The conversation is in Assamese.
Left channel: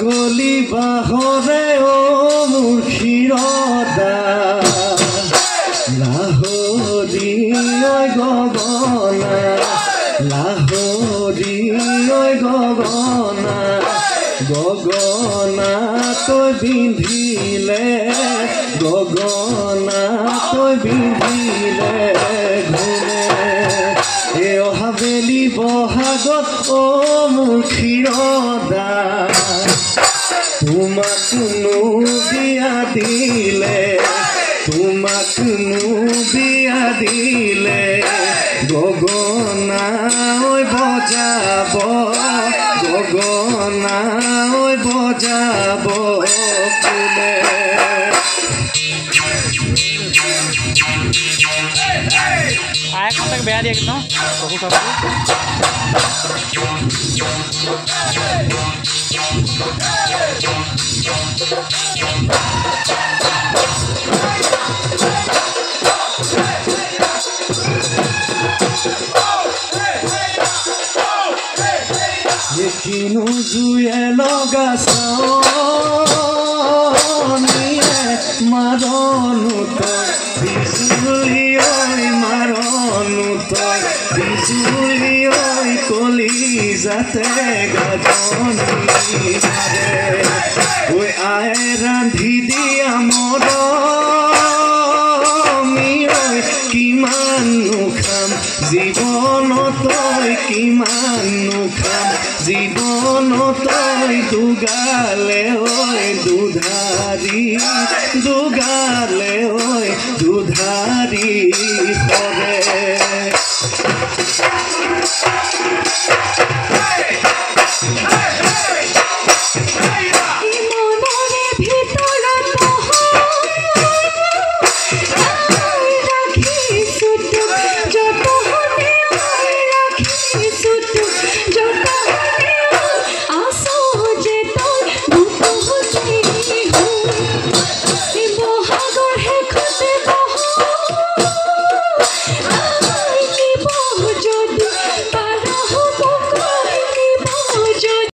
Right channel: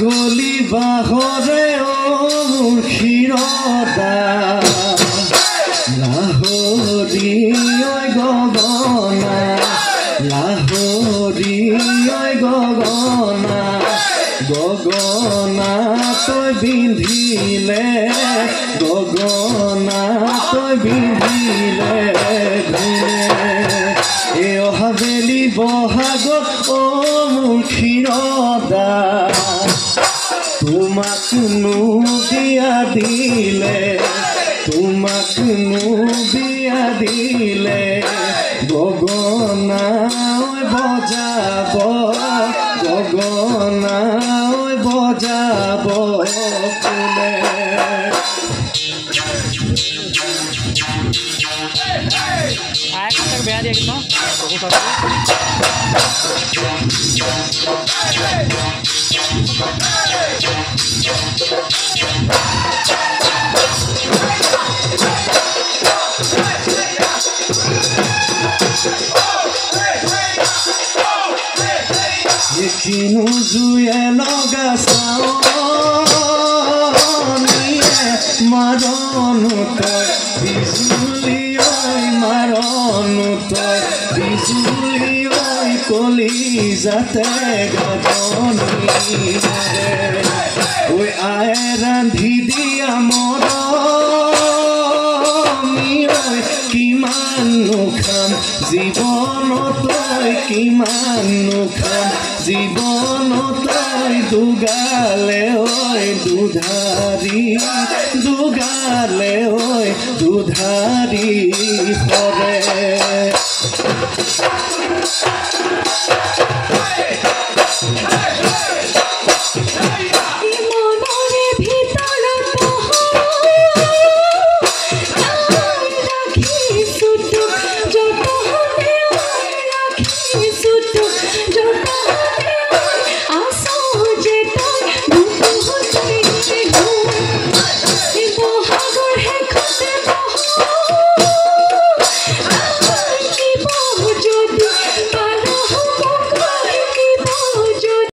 গলি বাহরে ও ক্ষীরদা লাহোরি গগনা লাহোরি গগনা গগনা তই বিন্ধিলে গগনা তই বিন্ধিলে এ হাবেলি বহাগত ও মোৰ ক্ষীৰদা তোমাক নো বিয়া দিলে তোমাক নো বিয়া দিলে গগনা ঐ বজাব গগনা ঐ বজাব কোনে আয় কাটাক বেয়া দিয়ে ন বহু সব কিনো জুয়ে লগা চাৱনিয়ে মাৰণো তই বিজুলি ঐ মাৰণো তই বিজুলি ঐ কলি যাতে গাজনি ঐ আয়ে ৰান্ধি দিয়া মৰমি ঐ কিমাননো খাম জীৱনত তই কিমাননো খাম জীৱনত তই দুগালে ঐ দুধাৰি দুগালে ঐ দুধাৰি পৰে